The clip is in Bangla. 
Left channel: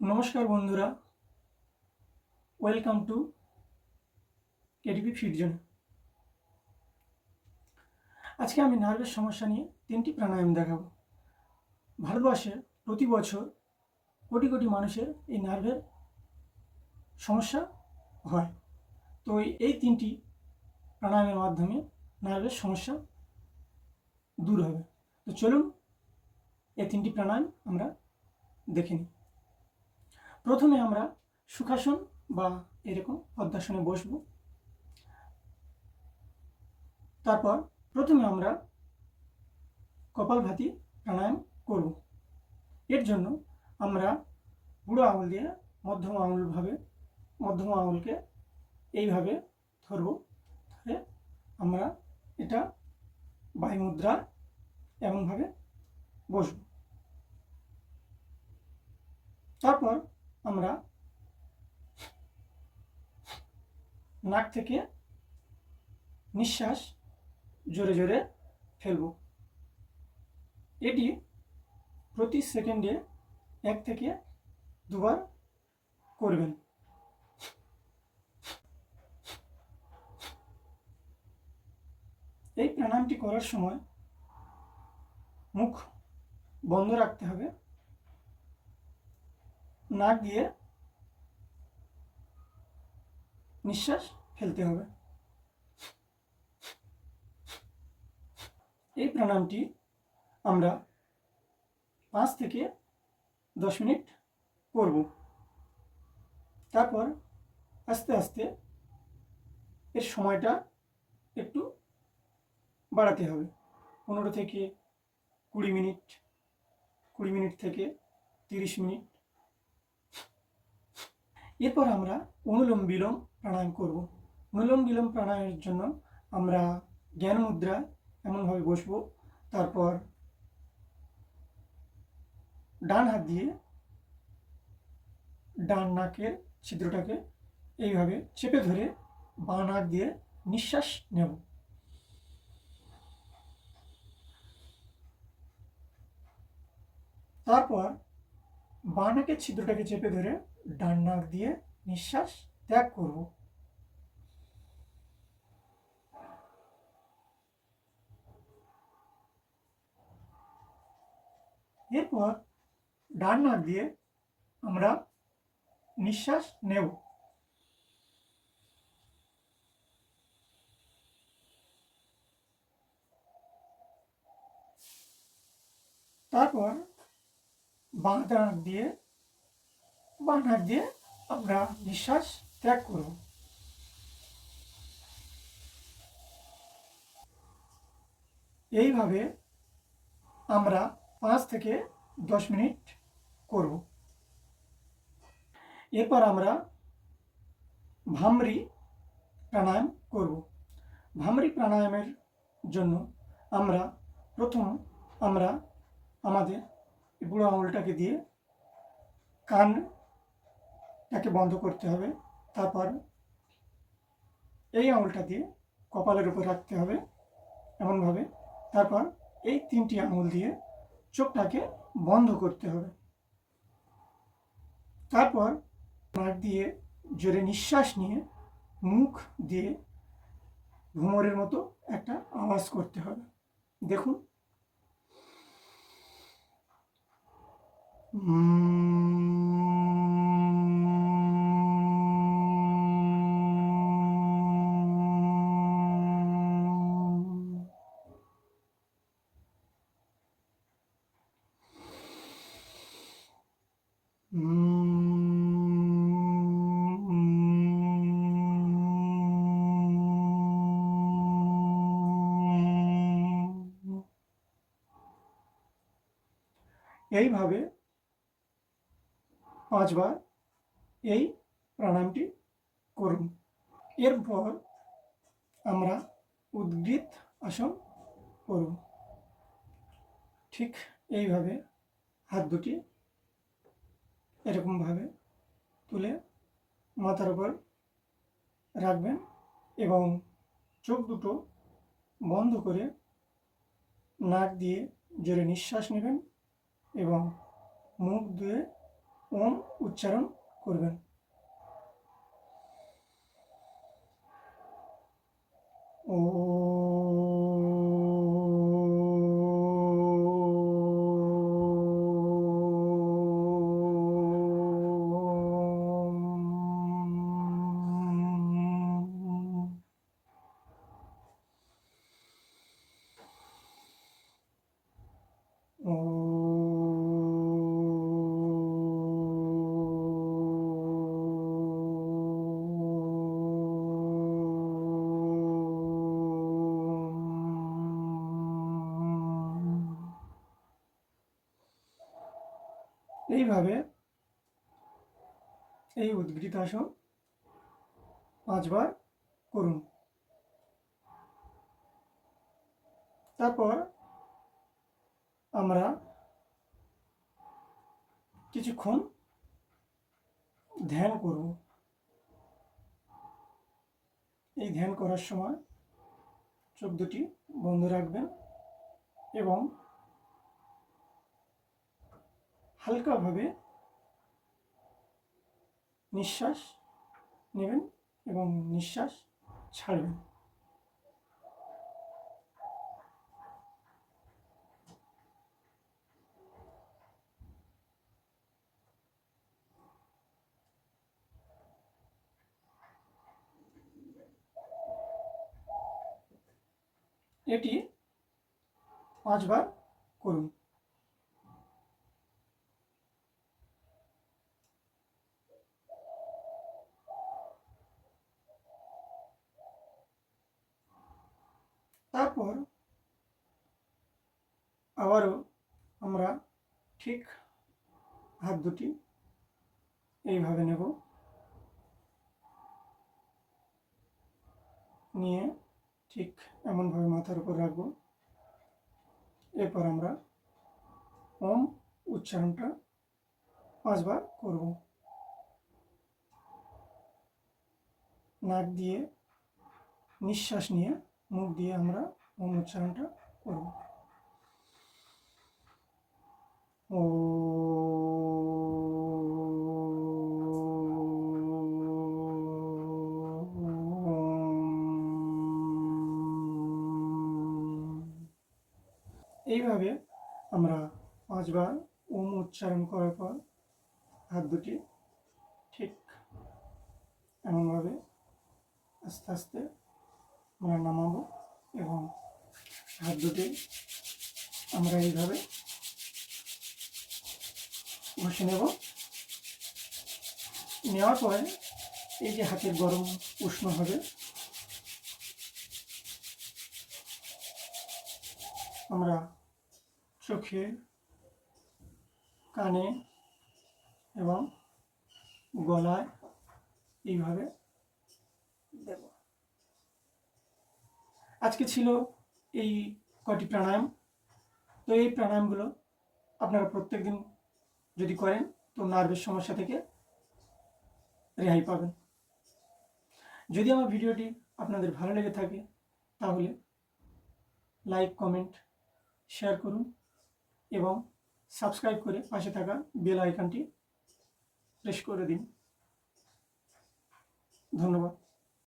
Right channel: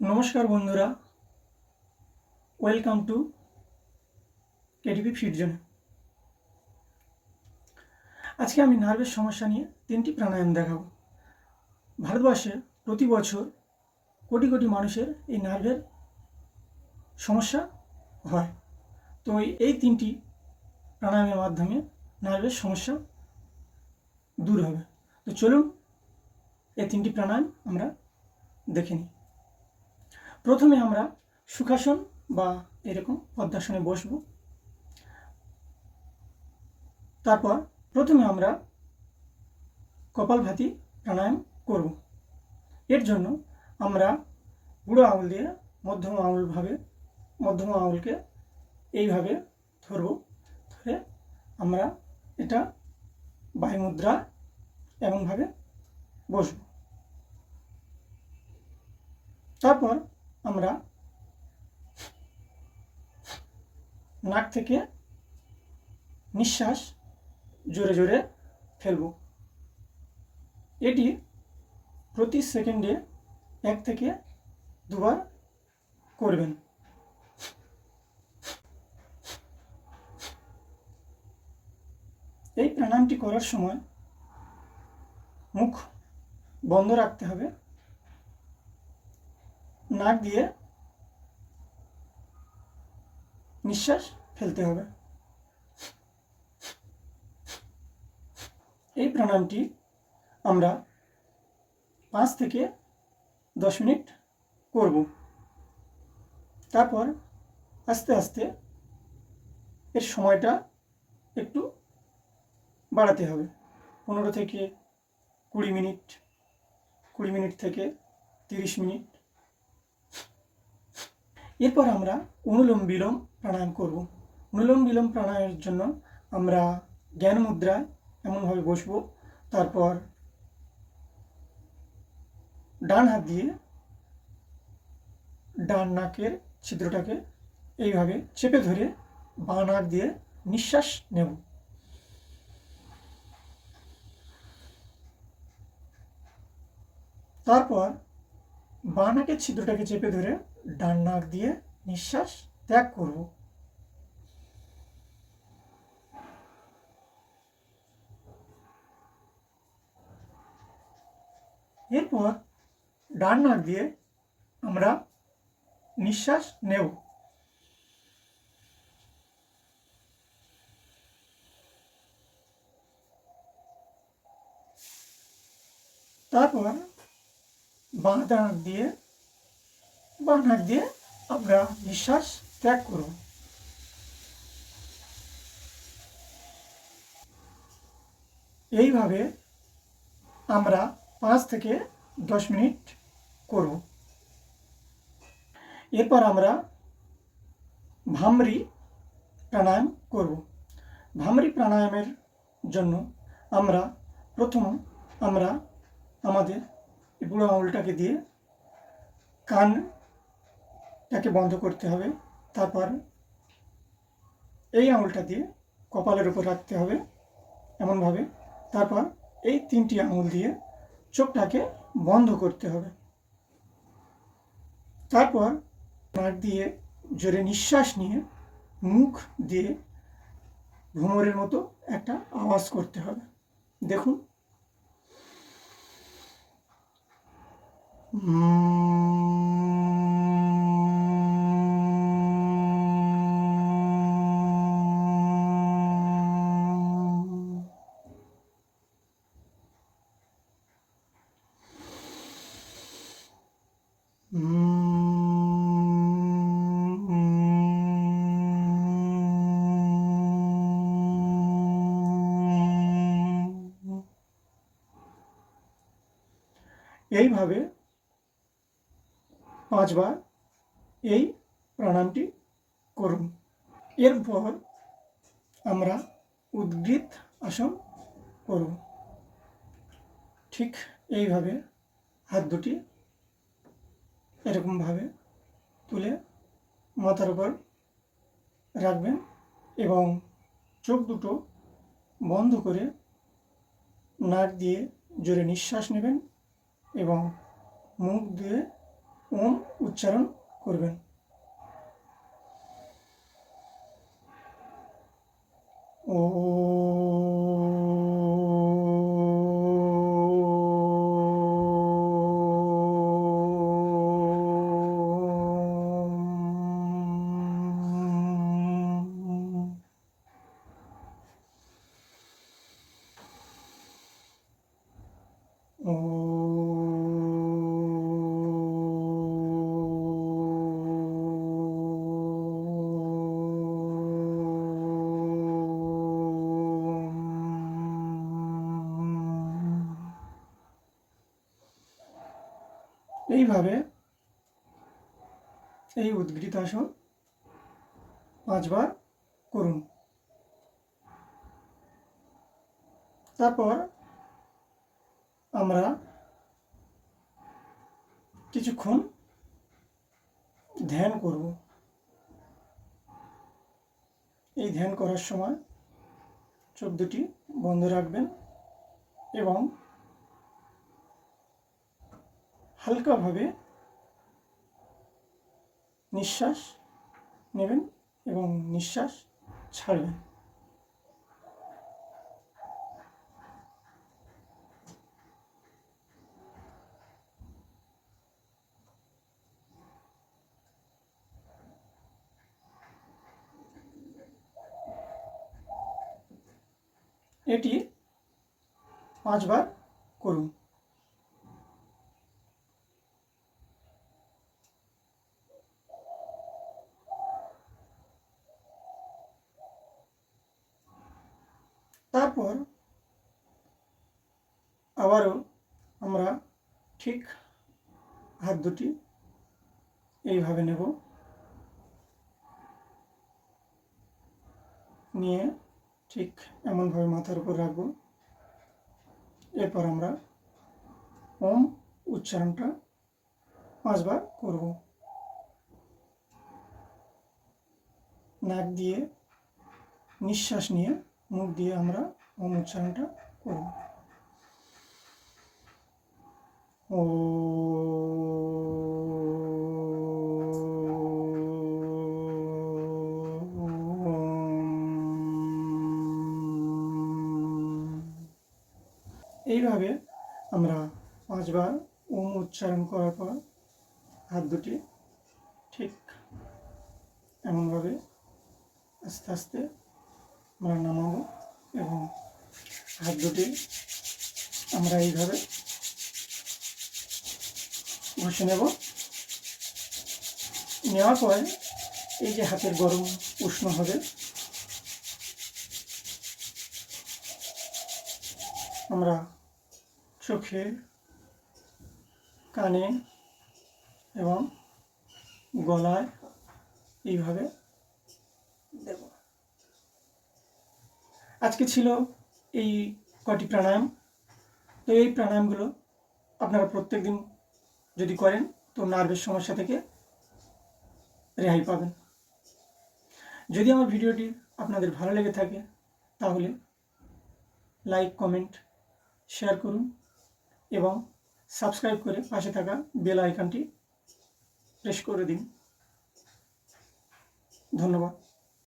নমস্কার বন্ধুরা। ওয়েলকাম টু কেডিপি ফিডজন আজকে আমি নার্ভের সমস্যা নিয়ে তিনটি প্রাণায়াম দেখাবো। ভারতবর্ষে প্রতি বছর কোটি কোটি মানুষের এই নার্ভের সমস্যা হয়। তো এই তিনটি প্রাণায়ামের মাধ্যমে নার্ভের সমস্যা দূর হবে। তো চলুন এই তিনটি প্রাণায়াম আমরা দেখে নিই। প্রথমে আমরা সুখাসন বা এরকম পদ্মাসনে বসব। তারপর প্রথমে আমরা কপালভাতি প্রাণায়াম করব। এর জন্য আমরা বুড়ো আঙুল দিয়ে মধ্যম আঙুলভাবে, মধ্যম আঙুলকে এইভাবে ধরব। ধরে আমরা এটা বায়ুমুদ্রা এমনভাবে বসব। তারপর আমরা নাক থেকে নিঃশ্বাস জোরে জোরে ফেলব। এটি প্রতি সেকেন্ডে এক থেকে দুবার করবেন। এই প্রাণায়ামটি করার সময় মুখ বন্ধ রাখতে হবে। নাক দিয়ে নিঃশ্বাস ফেলতে হবে। এই প্রাণায়ামটি আমরা পাঁচ থেকে দশ মিনিট করব। তারপর আস্তে আস্তে এর সময়টা একটু বাড়াতে হবে। পনেরো থেকে কুড়ি মিনিট কুড়ি মিনিট থেকে তিরিশ মিনিট এরপর আমরা অনুলোম বিলোম প্রাণায়াম করব। অনুলোম বিলোম প্রাণায়ামের জন্য আমরা জ্ঞান মুদ্রায় এমনভাবে বসবো। তারপর ডান হাত দিয়ে ডান নাকের ছিদ্রটাকে এইভাবে চেপে ধরে বাঁ নাক দিয়ে নিঃশ্বাস নেব। তারপর বাঁ নাকের ছিদ্রটাকে চেপে ধরে ডান নাক দিয়ে নিঃশ্বাস ত্যাগ করব। এরপর ডান নাক দিয়ে আমরা নিঃশ্বাস নেব। তারপর বাঁ নাক দিয়ে বাঁ নাক দিয়ে আমরা নিঃশ্বাস ত্যাগ করব। এইভাবে আমরা পাঁচ থেকে দশ মিনিট করব। এরপর আমরা ভামরি প্রাণায়াম করব। ভামরি প্রাণায়ামের জন্য আমরা প্রথম আমরা আমাদের এই বুড়ো আঙুলটাকে দিয়ে কানটাকে বন্ধ করতে হবে। তারপর এই আঙুলটা দিয়ে কপালের উপর রাখতে হবে এমনভাবে। তারপর এই তিনটি আঙুল দিয়ে চোখটাকে বন্ধ করতে হবে। তারপর নাক দিয়ে জোরে নিঃশ্বাস নিয়ে মুখ দিয়ে ভ্রমরের মতো একটা আওয়াজ করতে হবে। দেখুন এইভাবে পাঁচবার এই প্রাণায়ামটি করুন। এরপর আমরা উদ্গীত আসন করব ঠিক এইভাবে হাত দুটি এরকমভাবে তুলে মাথার উপর রাখবেন এবং চোখ দুটো বন্ধ করে নাক দিয়ে জোরে নিঃশ্বাস নেবেন এবং মুখ দিয়ে ওম উচ্চারণ করবেন। ও এই উদ্গৃতাসন পাঁচবার করুন। তারপর আমরা কিছুক্ষণ ধ্যান করব। এই ধ্যান করার সময় চোখ দুটি বন্ধ রাখবেন এবং হালকাভাবে নিঃশ্বাস নেবেন এবং নিঃশ্বাস ছাড়বেন। এটি পাঁচবার করুন তারপর আবারও আমরা ঠিক হাত দুটি এইভাবে নেব। নিয়ে ঠিক এমনভাবে মাথার উপর রাখব। এরপর আমরা ওম উচ্চারণটা পাঁচবার করব। নাক দিয়ে নিঃশ্বাস নিয়ে মুখ দিয়ে আমরা ওম উচ্চারণটা করব ও এইভাবে আমরা পাঁচবার ওম উচ্চারণ করার পর হাত দুটি ঠিক এমনভাবে আস্তে আস্তে আমরা নামাবো এবং হাত দুটি আমরা এইভাবে ঘষে নেব। নেওয়ার পরে এই যে হাতের গরম উষ্ণ হবে। আমরা চোখে, কানে এবং গলায় এইভাবে দেব। আজকে ছিল এই কটি প্রাণায়াম। তো এই প্রাণায়ামগুলো আপনারা প্রত্যেক দিন যদি করেন তো নার্ভের সমস্যা থেকে রেহাই পাবেন। যদি আমার ভিডিওটি আপনাদের ভালো লেগে থাকে, তাহলে লাইক কমেন্ট শেয়ার করুন এবং সাবস্ক্রাইব করে পাশে থাকা বেল আইকনটি প্রেস করে দিন। ধন্যবাদ।